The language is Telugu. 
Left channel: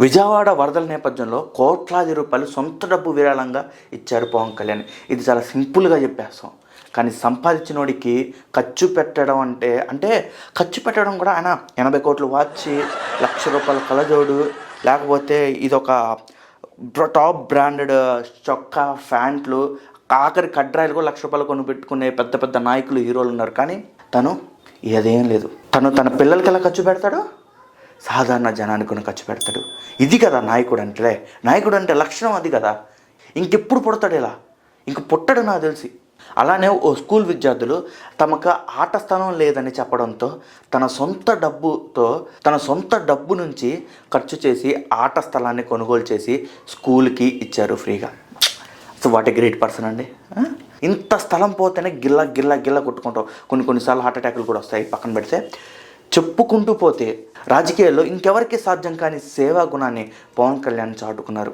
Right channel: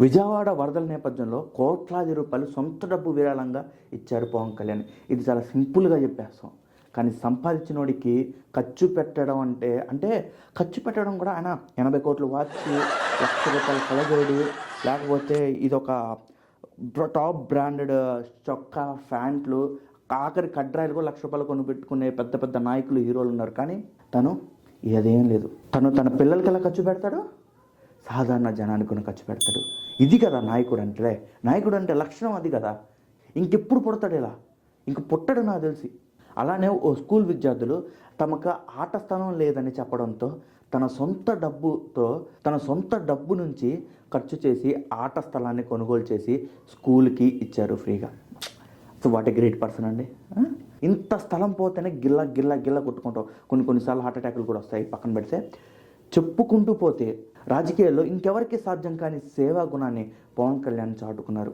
విజయవాడ వరదల నేపథ్యంలో కోట్లాది రూపాయలు సొంత డబ్బు విరాళంగా ఇచ్చారు పవన్ కళ్యాణ్. ఇది చాలా సింపుల్గా చెప్పేస్తాం. కానీ సంపాదించినోడికి ఖర్చు పెట్టడం అంటే అంటే ఖర్చు పెట్టడం కూడా ఆయన 80 కోట్లు వాచ్, ₹1,00,000 కళ్ళజోడు, లేకపోతే ఇదొక టాప్ బ్రాండెడ్ చొక్కా, ప్యాంట్లు, ఆఖరి కడ్రాయిలు కూడా ₹1,00,000 కొని పెట్టుకునే పెద్ద పెద్ద నాయకులు, హీరోలు ఉన్నారు. కానీ తను ఏదేం లేదు. తన పిల్లలకి ఎలా ఖర్చు పెడతాడు? సాధారణ జనానికి కూడా ఖర్చు పెడతాడు. ఇది కదా నాయకుడు అంటే. నాయకుడు అంటే లక్షణం అది కదా. ఇంకెప్పుడు పుడతాడు ఇలా? ఇంక పుట్టడు నాకు తెలిసి. అలానే ఓ స్కూల్ విద్యార్థులు తమకు ఆట స్థలం లేదని చెప్పడంతో తన సొంత డబ్బు నుంచి ఖర్చు చేసి ఆట స్థలాన్ని కొనుగోలు చేసి స్కూల్కి ఇచ్చారు ఫ్రీగా. So what a great person అండి. ఇంత స్థలం పోతేనే గిల్ల కొట్టుకుంటాం. కొన్నిసార్లు హార్ట్ అటాక్లు కూడా వస్తాయి. పక్కన పెడితే చెప్పుకుంటూ పోతే రాజకీయాల్లో ఇంకెవరికి సాధ్యం కాని సేవా గుణాన్ని పవన్ కళ్యాణ్ చాటుకున్నారు.